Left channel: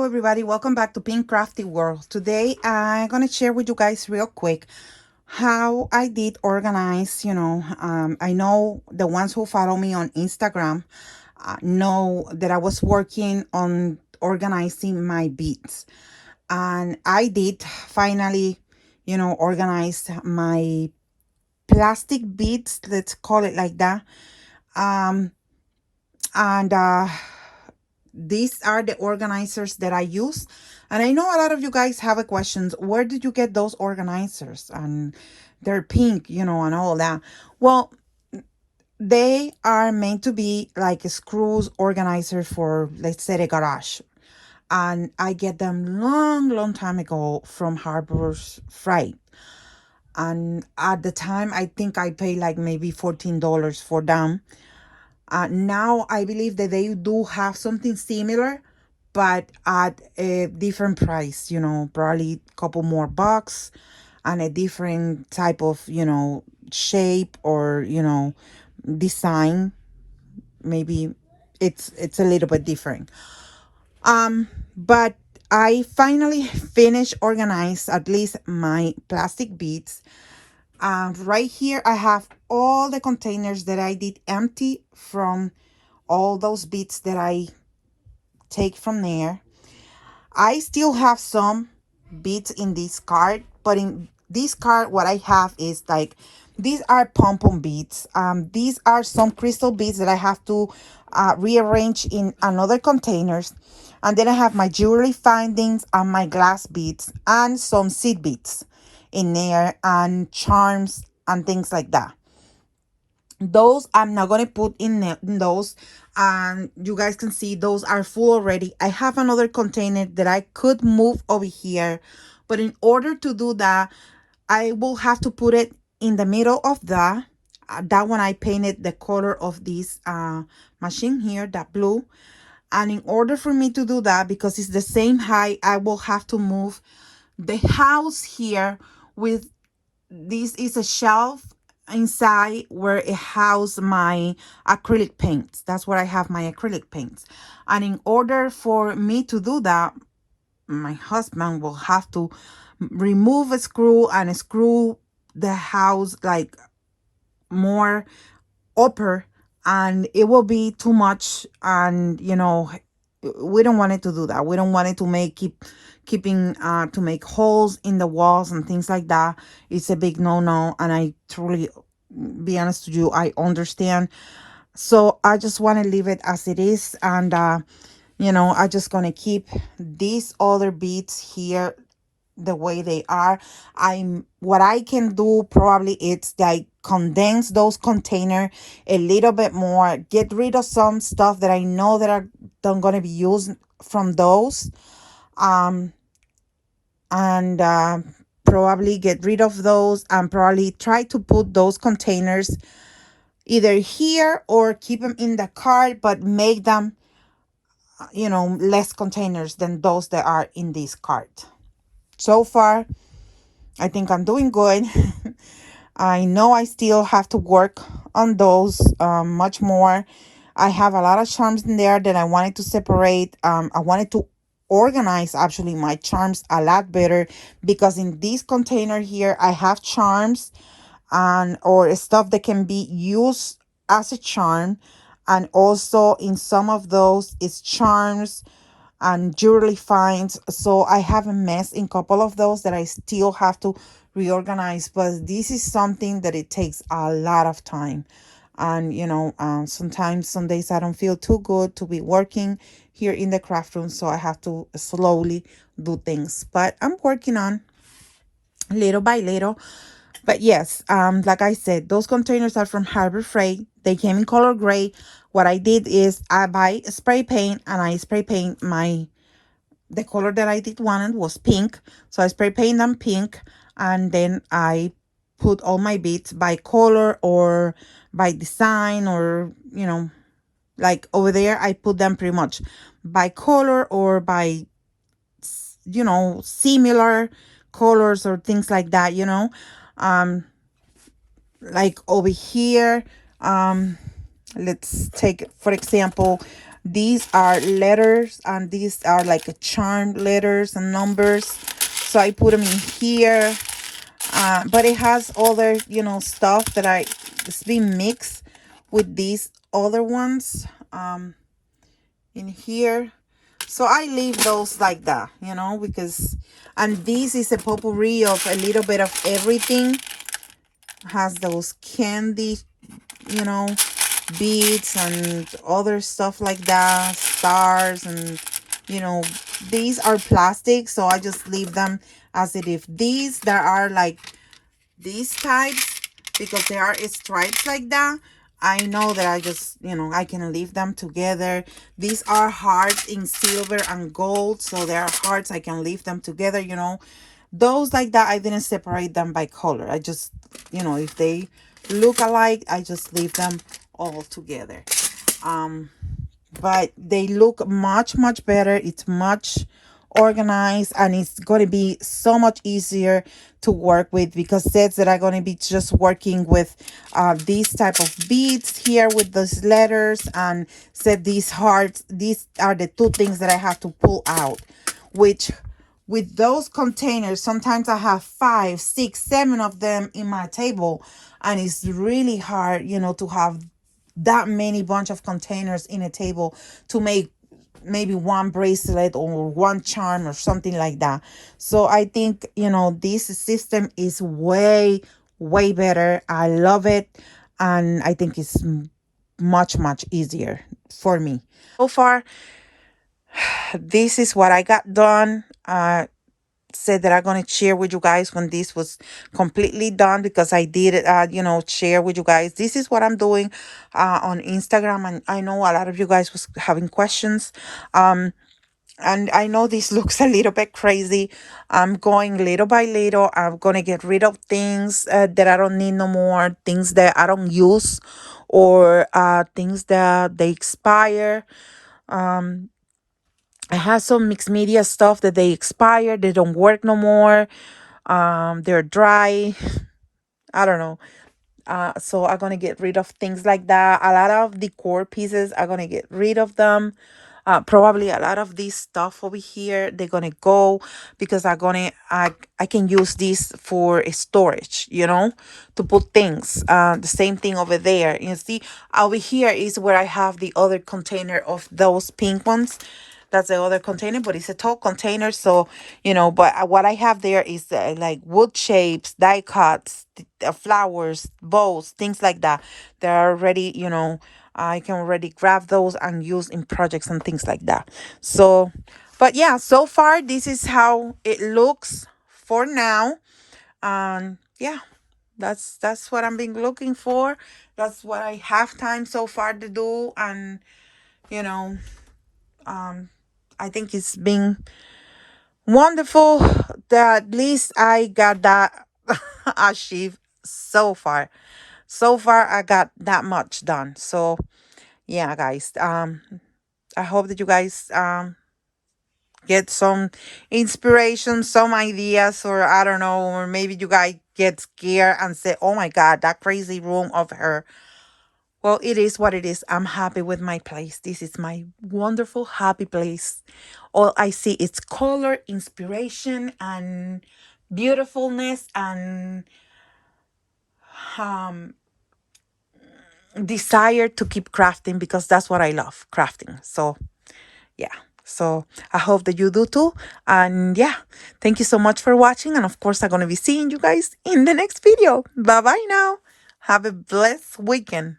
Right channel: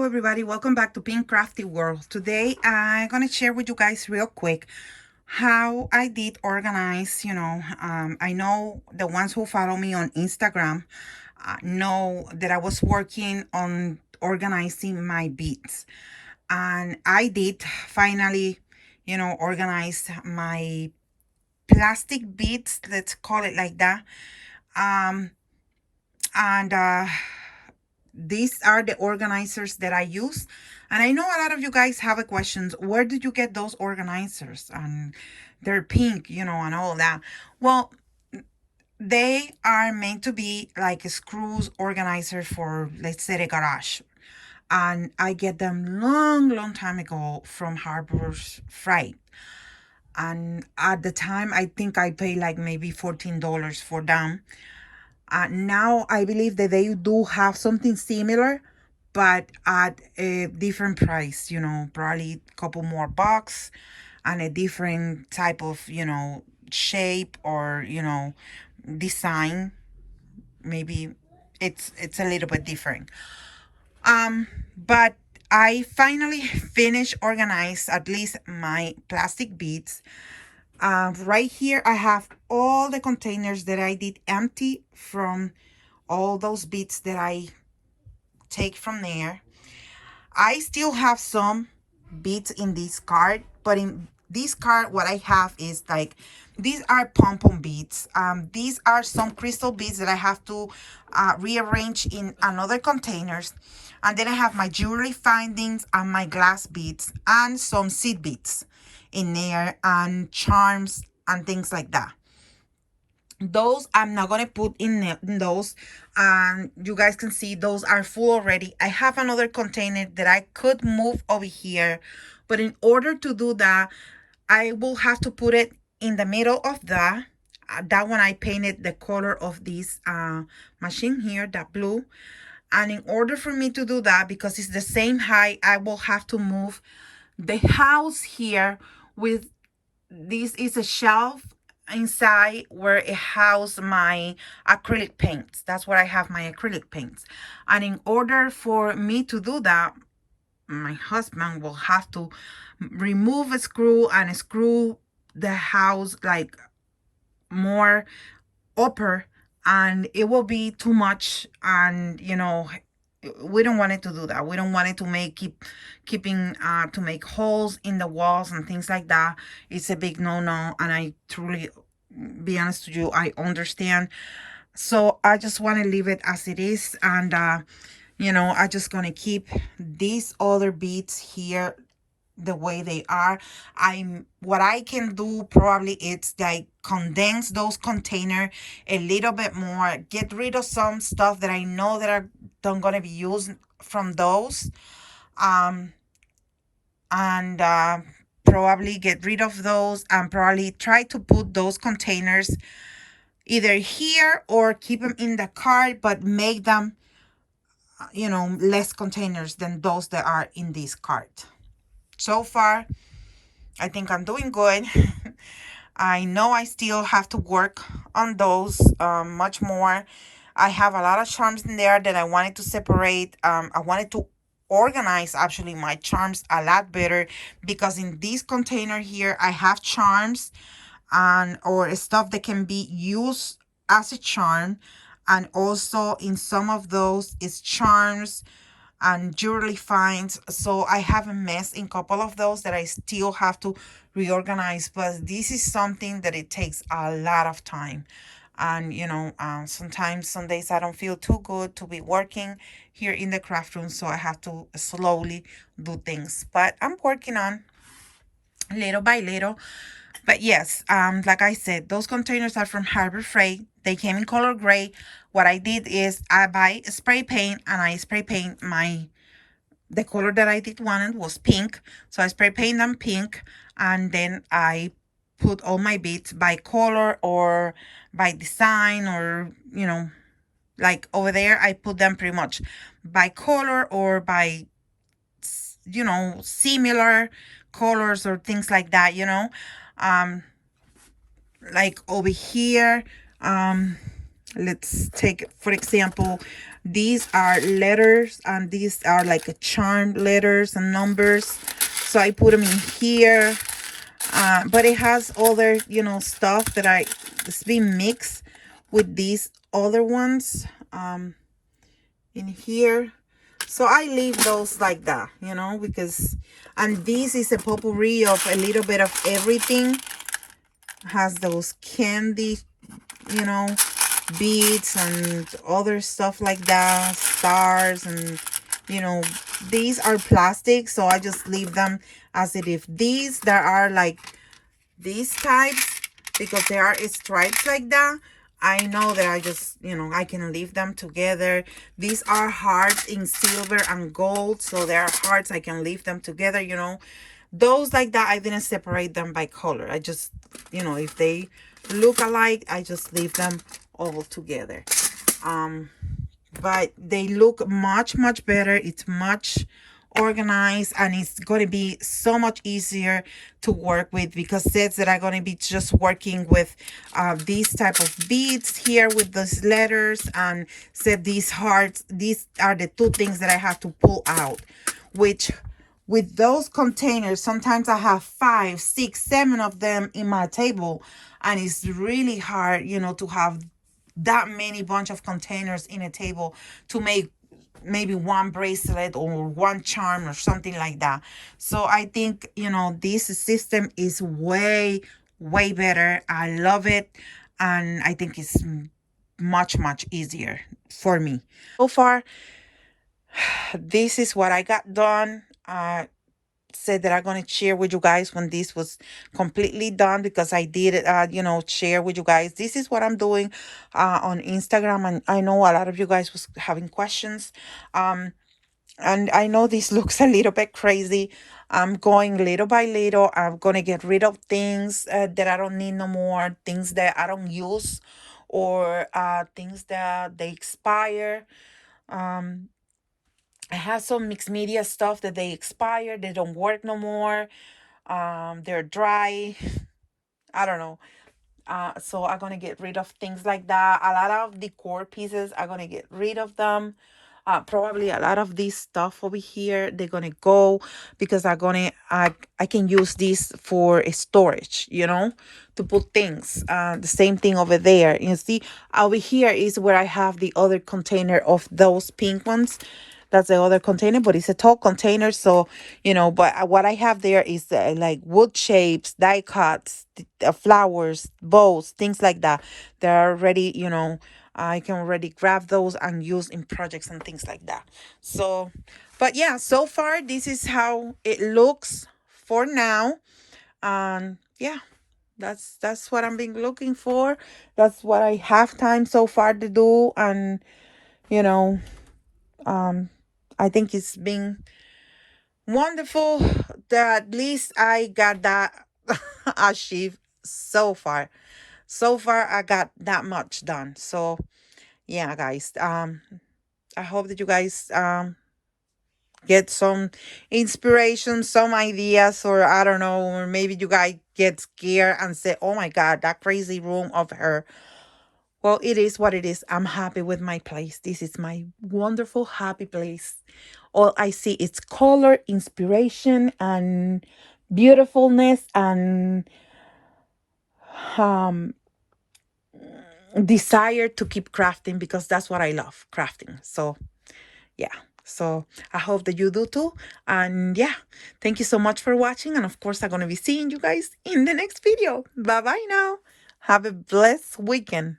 Hello everybody, welcome back to PinkCraftyWorld. Today I'm going to share with you guys real quick how I did organize, I know the ones who follow me on Instagram know that I was working on organizing my beads. And I did finally, organize my plastic beads, let's call it like that. Um, and These are the organizers that I use. And I know a lot of you guys have a questions. Where did you get those organizers? And they're pink, and all that. Well, they are meant to be like screws organizers for, let's say, a garage. And I get them long time ago from Harbor's Freight. And at the time, I think I paid like maybe $14 for them. Now I believe that they do have something similar, but at a different price, probably a couple more bucks and a different type of, shape or, design. Maybe it's a little bit different. But I finally finished organize at least my plastic beads. Right here, I have all the containers that I did empty from all those beads that I take from there. I still have some beads in this card, but in this card, what I have is like, these are pom-pom beads. These are some crystal beads that I have to rearrange in another containers. And then I have my jewelry findings and my glass beads and some seed beads in there and charms and things like that. Those I'm not going to put in those, and you guys can see those are full already. I have another container that I could move over here, but in order to do that, I will have to put it in the middle of that one. I painted the color of this machine here, that blue. And in order for me to do that, because it's the same height, I will have to move the house here. With this is a shelf inside where it houses my acrylic paints. That's where I have my acrylic paints. And in order for me to do that, my husband will have to remove a screw and screw the house like more upper, and it will be too much. And we don't want it to do that. We don't want it to make holes in the walls and things like that. It's a big no. And I truly, be honest with you, I understand. So I just want to leave it as it is. And I just gonna keep these other beads here the way they are. What I can do probably it's like condense those container a little bit more, get rid of some stuff that I know that are not going to be used from those, and probably get rid of those and probably try to put those containers either here or keep them in the cart, but make them less containers than those that are in this cart. So far, I think I'm doing good. I know I still have to work on those much more. I have a lot of charms in there that I wanted to separate. I wanted to organize actually my charms a lot better, because in this container here, I have charms or stuff that can be used as a charm. And also in some of those is charms and jewelry finds. So I have a mess in a couple of those that I still have to reorganize, but this is something that it takes a lot of time. And sometimes some days I don't feel too good to be working here in the craft room, so I have to slowly do things, but I'm working on little by little. But yes, like I said, those containers are from Harbor Freight. They came in color gray. What I did is I buy spray paint, and I spray paint the color that I did wanted was pink. So I spray paint them pink, and then I put all my beads by color or by design, or, like over there, I put them pretty much by color or by, similar colors or things like that, like over here, let's take for example These are letters, and these are like a charm letters and numbers. So I put them in here. But it has other, stuff that it's been mixed with these other ones in here. So I leave those like that, because, and this is a potpourri of a little bit of everything. Has those candy, you know, beads and other stuff like that, stars, and, these are plastic, so I just leave them as it is. These, there are like these types, because there are stripes like that. I know that I just, I can leave them together. These are hearts in silver and gold, so they are hearts. I can leave them together, Those like that, I didn't separate them by color. I just, if they look alike, I just leave them all together. But they look much, much better. It's much organized, and it's going to be so much easier to work with, because sets that are going to be just working with these type of beads here with those letters, and set these hearts. These are the two things that I have to pull out, which with those containers, sometimes I have 5, 6, 7 of them in my table, and it's really hard, to have that many bunch of containers in a table to make maybe one bracelet or one charm or something like that. So I think, this system is way, way better. I love it. And I think it's much, much easier for me. So far, this is what I got done. Said that I'm going to share with you guys when this was completely done, because I did share with you guys. This is what I'm doing on Instagram, and I know a lot of you guys was having questions, and I know this looks a little bit crazy. I'm going little by little. I'm going to get rid of things that I don't need no more, things that I don't use, or things that they expire. I have some mixed media stuff that they expire, they don't work no more. They're dry. I don't know. So I'm gonna get rid of things like that. A lot of decor pieces, I'm gonna get rid of them. Probably a lot of this stuff over here, they're gonna go, because I can use this for storage, to put things. The same thing over there. You see, over here is where I have the other container of those pink ones. That's the other container, but it's a tall container. So, but what I have there is like wood shapes, die cuts, flowers, bows, things like that. They're already, I can already grab those and use in projects and things like that. So, but yeah, so far, this is how it looks for now. Yeah, that's what I'm been looking for. That's what I have time so far to do. And, you know, I think it's been wonderful that at least I got that achieved so far. So far, I got that much done. So, yeah, guys. I hope that you guys get some inspiration, some ideas, or I don't know, or maybe you guys get scared and say, "Oh my God, that crazy room of her." Well, it is what it is. I'm happy with my place. This is my wonderful, happy place. All I see is color, inspiration, and beautifulness, and um, desire to keep crafting, because that's what I love, crafting. So, yeah. So I hope that you do too. And yeah, thank you so much for watching. And of course, I'm going to be seeing you guys in the next video. Bye-bye now. Have a blessed weekend.